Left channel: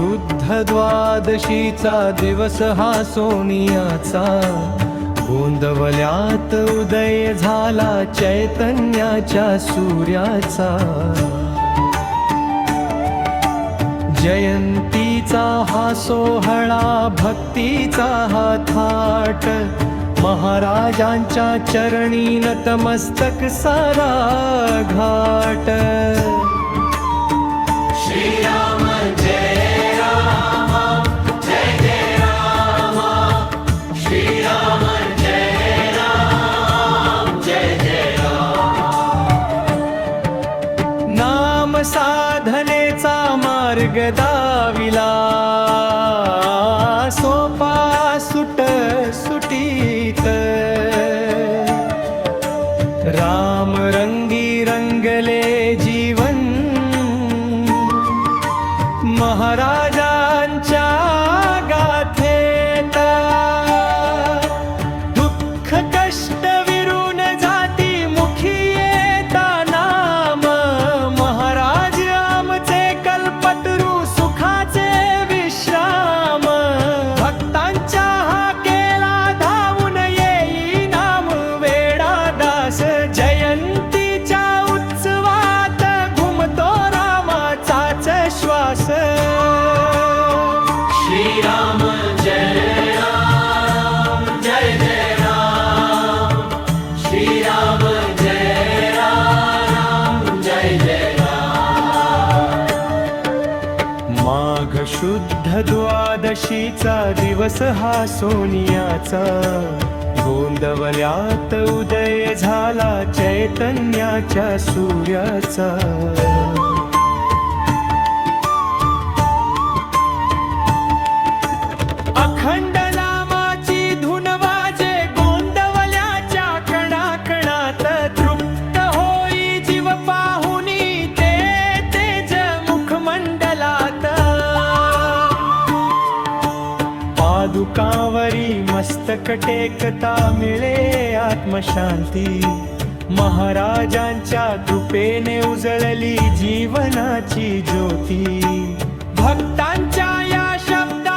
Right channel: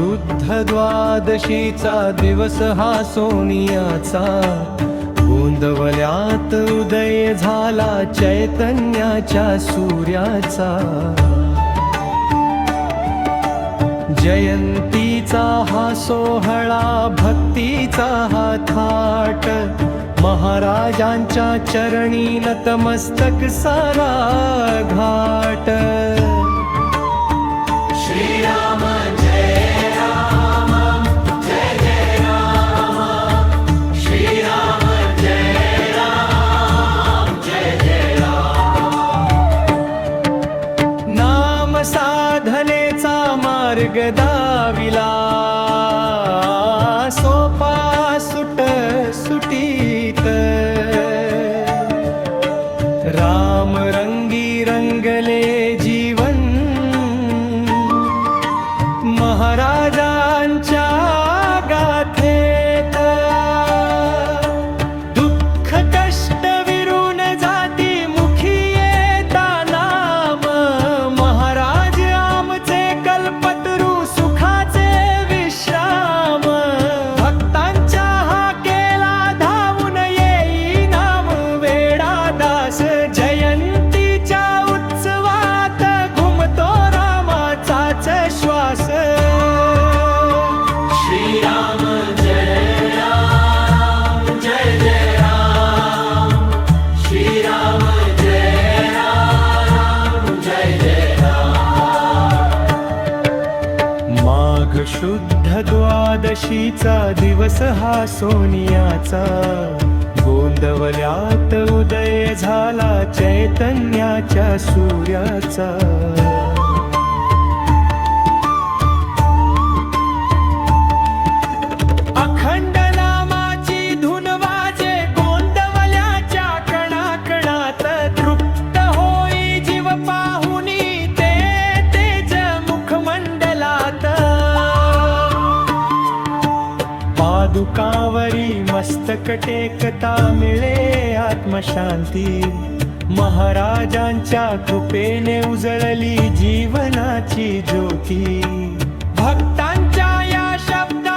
शुद्ध द्वादशीचा दिवस हा सोनियाचा, गोंदवल्यात उदय झाला चैतन्याच्या सूर्याचा। जयंतीचा हा सोहळा, भक्तीचा हा थाट, महाराजांच्या चरणी नतमस्तक सारा घाट। श्रीराम जय राम, जय जय राम, श्रीराम जय राम, जय जय राम। नाम साधनेचा मार्ग दाविला, सोपा सुट सुटीत, राम रंगी रंगले जीवन, महाराजांच्या गाथेत। दुःख कष्ट विरून जाती मुखी येता नाम, महाराज आमचे कल्पतरू सुखाचे विश्राम। भक्तांच्या हा केला धावून येई नाम वेडा दास, जयंतीच्या उत्सवात घुमतो रामाचाच श्वास। श्रीराम जय राम, जय जय राम, श्रीराम जय राम, जय जय राम। माघ शुद्ध द्वादशीचा दिवस हा सोनियाचा, गोंदवल्यात उदय झाला चैतन्याच्या सूर्याचा। अखंड नामाची धुन वाजे गोंदवल्याच्या कणाकणात, तृप्त होई जीव पाहुनी ते तेज मुखमंडलात। पादुकावरी मस्तक टेकता मिळे आत्मशांती, महाराजांच्या कृपेने उजळली जीवनाची ज्योती। भक्तांच्या या शब्द